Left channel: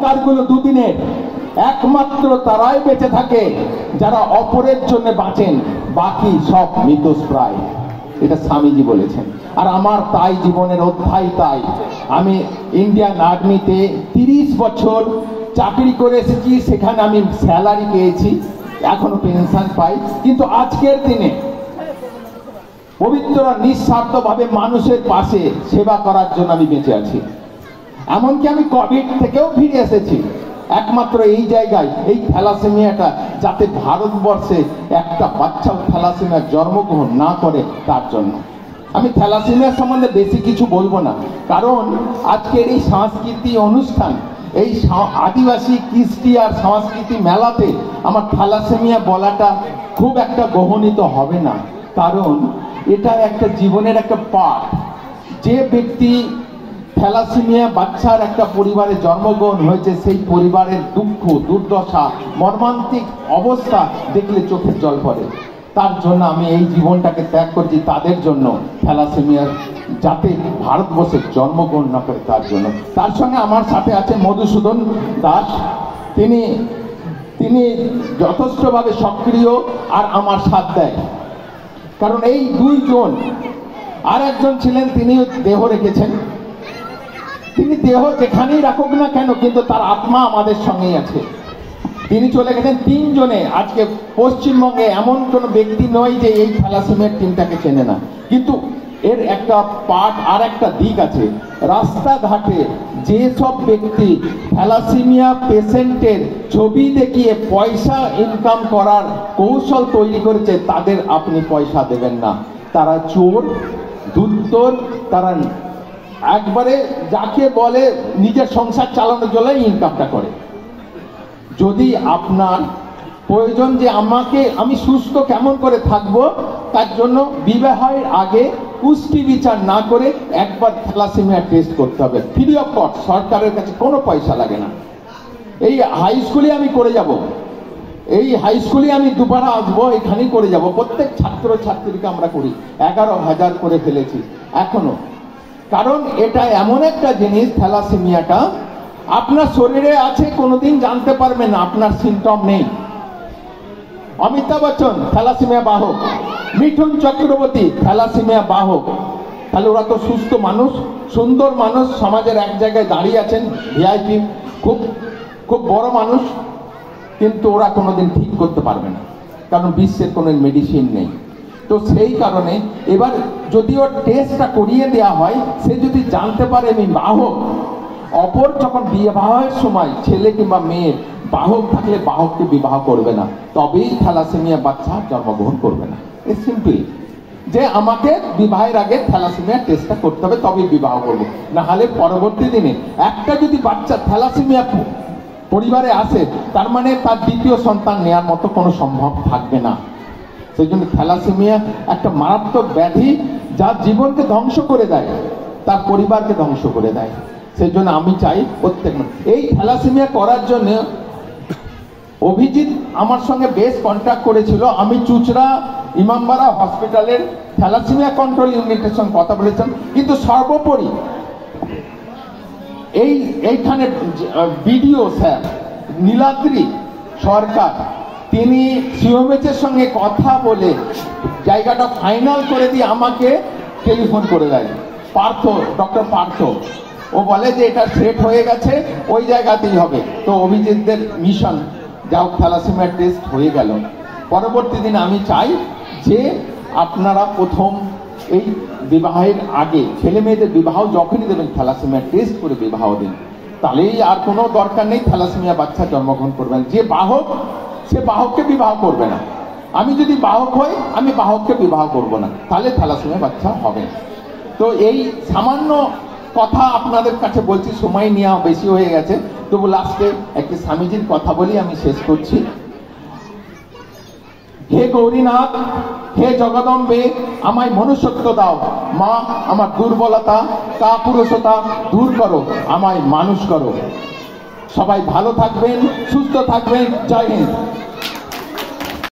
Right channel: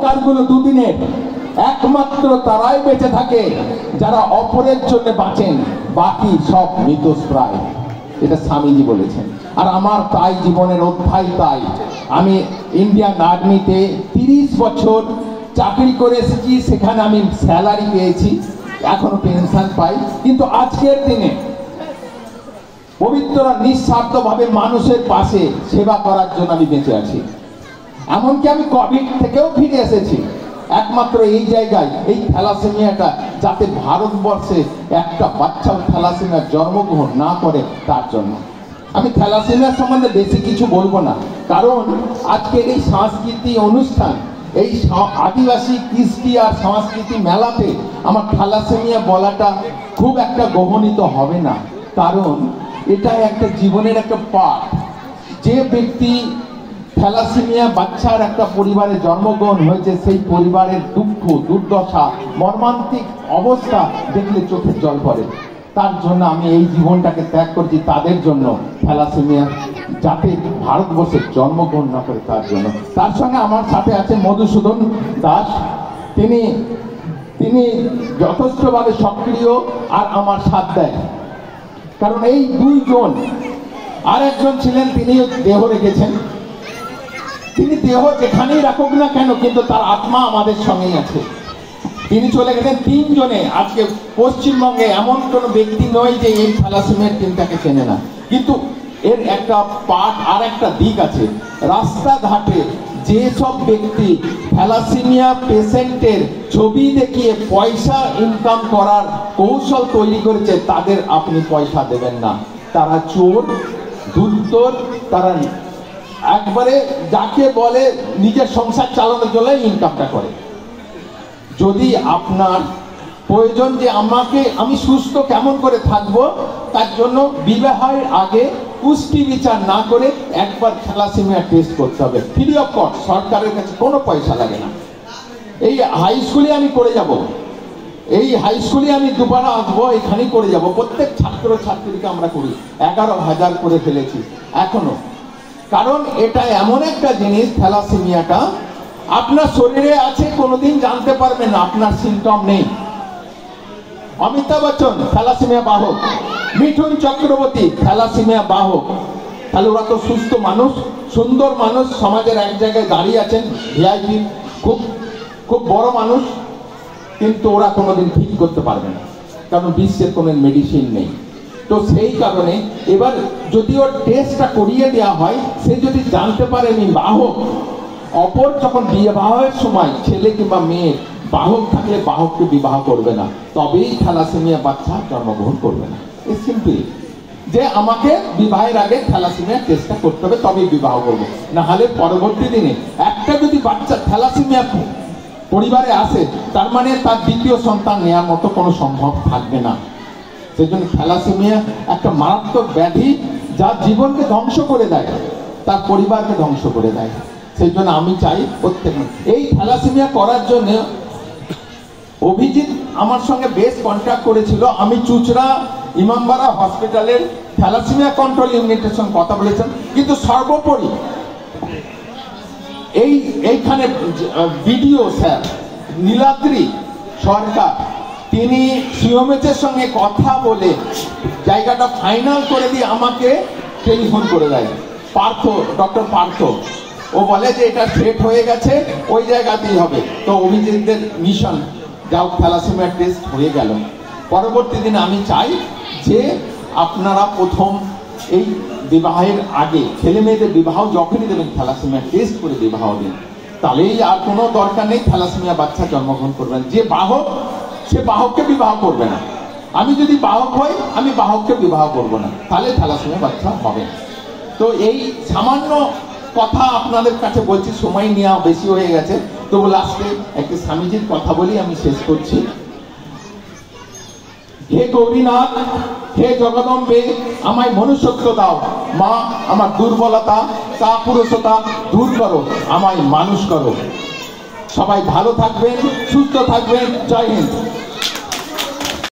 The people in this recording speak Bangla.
অহংকারগুলো দুদিনের। একমাত্র তারাই বেঁচে থাকে যারা অপরের জন্য বাঁচেন, বাকি সব মৃতপ্রায়। এটা স্বামীজি বলেছেন। আর আমার তাই জীবনের অধ্যায় তাই। আমি ইন্ডিয়ান আর্মিতে 30 বছর চাকরি করে এসেছি, সেখানে আমি স্যালারি পেয়েছি, এখন পেনশন পাই, কিন্তু আজকের দিনে পবিত্র নিঃস্বার্থভাবে মানুষের পাশে সেবা করার জন্য আমি বেঁচে আছি। এমনকি আমি কোভিড থেকেও ফিরে এসেছি একমাত্র এই জায়গায়, এই থ্যালাসেমিয়াটা যাতে ভারতবর্ষে একটা বাচ্চা থ্যালাসেমিয়ার জন্মগ্রহণ না করে তার জন্য। আমি থ্যালাসেমিয়া সম্বন্ধে বেশি কিছু বলবো না, কারণ আজকের এই সাংস্কৃতিক অনুষ্ঠান, এই আদিবাসী কৃষ্টি আর সংস্কৃতি মেলাতে আমার থ্যালাসেমিয়া বলাটা খুব একটা গহনিত হবে না, কারণ এটা একটা জীবনের একটা পাঠ। যে ব্যক্তি থ্যালাসেমিয়া বাচ্চার একটা পরিবারে জন্মগ্রহণ হয়েছে, সেই পরিবারের দুঃখ দুর্দশা মর্মান্তিক অবস্থা দেখলে চোখের জল পড়ে। তার জন্য আমি এই জীবনটাকে ত্যাগ করছি তাদের জন্য, থ্যালাসেমিয়া যাতে ভারতবর্ষে জন্মগ্রহণ না করে তার জন্য। তার সঙ্গে আমার সাথে আছেন মধুসূদন দাস, তিনি যথেষ্টভাবে সক্রিয় আর আমার সাথ দেয়, কারণ এই দুইজন। আর একজন ছিলেন, তিনি দেহ রেখেছেন, তিনি দেহ যেখানেই রাখুক না কেন কিন্তু তার আত্মা আমাদের সঙ্গেই আছে। তিনি চলে গেছেন 3 জনে। আজকে পশ্চিমবঙ্গে এমন কোন ব্যক্তি নয় যে এই থ্যালাসেমিয়ার টিমটাকে চেনে না, কিন্তু এর একটা পার্ট আর একটা দিক আছে। রাস্তাঘাটে যেসব ব্যক্তি থ্যালাসেমিয়া পেশেন্টের ছবি দেখিয়ে পয়সা ইনকাম করার কৌশল তৈরি করেছে, তাদের আপনি পয়সা দেবেন না। তারা চোর, দুর্তর, তারা একবারে যাকে বলে নিজের সংসার চালানোর জন্য ইনকামটা করে। যদি আপনার প্রয়োজন যে আমি সুস্থ কেমন করে থাকবো, তার জন্য বিবাহের আগে পুষ্টি বিচার না করে একবার থ্যালাসেমিয়া টেস্ট করতে হবে, ফ্রি অফ কস্ট, সরকারের কাছে কোনো পয়সা লাগে না। এই হাই স্কুলে আমি করে যাব, এই হাই স্কুলে আমি দুবার আসবো, এখানেই করে যাব। প্রত্যেক ছাত্র ছাত্রীকে আমরা করি, 11,000 করে ফেলেছি এখনো। কারণ এটা এমন একটা জিনিস, থ্যালাসেমিয়াটা আপনার শরীরে আছে, কোনোদিন জানতে পারবেন না, আপনার সিমটম নেই। অমিতাভ বচ্চন থ্যালাসেমিয়া বাহক, মিঠুন চক্রবর্তী থ্যালাসেমিয়া বাহক। তাহলে ওরা তো সুস্থ মানুষ, সুন্দর মানুষ, সমাজের এক জায়গায় দাঁড়িয়ে আছেন, ভিআইপি, খুব খুব বড় মানুষ, কিন্তু ওরা কোনোদিন ঠিক করতে পারবে না, কারণ বিশ্বের কোনো মেডিসিন নেই। তো সেই কারণে এবার যদি ওর টেস্টটা করিয়ে দেওয়া হয়, সে যদি জানতে পারে আমি বাহক, অপর যখন বিবাহের সময় ছেলে কিংবা মেয়ে বাহক থাকলে বাহককে বিবাহ করবে না, তবেই থ্যালাসেমিয়া বাচ্চা জন্মগ্রহণ করবে না। এই সিম্পল, যে আমাকে বিবাহের আগে থ্যালাসেমিয়া টেস্টটা করতে হবে, তবেই বিবাহ করবো, না হলে পরবর্তী দিনে একটা যদি বাচ্চা থ্যালাসেমিয়া পরিবারে আসে, তার মানে তার দ্বিতীয় সন্তান নেওয়ার মতো কোনো সম্ভব থাকবে না। সেই জন্য থ্যালাসেমিয়া একটা মারাত্মক ব্যাধি, যার জীবনকে ধ্বংস করে দেয়, তার পরিবারকে ধ্বংস করে দেয়। সেই জন্য আমি চাই প্রত্যেক এই থ্যালাসেমিয়া করার জন্য অভিজিৎ আমার সঙ্গে বেশ কন্ট্যাক্ট করেছিল। আমি চুচড়া ইমামবাড়া হসপিটালের থ্যালাসেমিয়া কন্ট্রোল ইউনিটের সঙ্গে কথা বলেছেন, কিন্তু সর্বোপরি এইখানে বিডিও স্যার নীলাদ্রি সরকার, তিনি সিওমএচের সঙ্গে কথা বলে জায়গাটা ফাইনাল করে দিয়ে আমাকে টেলিফোন করে দেয়, পার্থ, ডক্টর পার্থ। ও বলে যে এটা সেট হয়ে গেছে, ওই জায়গাতেই হবে। তো অভিজিৎদের মিশন যাও, থ্যালাসেমিয়া টেস্ট হয়ে গেল। পরবর্তী দিনে আমি চাই যে আপনারা প্রথম এই বিবাহের আগে, ছেলে মেয়েদের বিবাহ যখনই দেবেন, থ্যালাসেমিয়া টেস্ট করে বিবাহ দিন, তাহলেই আর কোনো দরকার নেই থ্যালাসেমিয়া বাচ্চা জন্মগ্রহণ করবেন। যে বাহক, সে বাহককে বিবাহ করবে না। আমি যদি বাহক হই, আমি বাহককে বিবাহ করব না, তাহলে থ্যালাসেমিয়া বাচ্চা হবে। তো এই সামান্য কথা আপনাদের কাছে বলছি, সময় নেওয়া বেশি হয়ে গেছে, তবু লাস্টে একটা স্বামীজির কথা বলি আমি শেষ করছি। হে গৌরীনাথ, হে জগদম্বে, আমায় মনুষ্যত্ব দাও। মা, আমার দুর্বলতা, কাপুরুষতা দূর করো, আমায় মানুষ করো। সবাই ভালো থাকবেন, সুস্থ থাকবেন। জয় হিন্দ।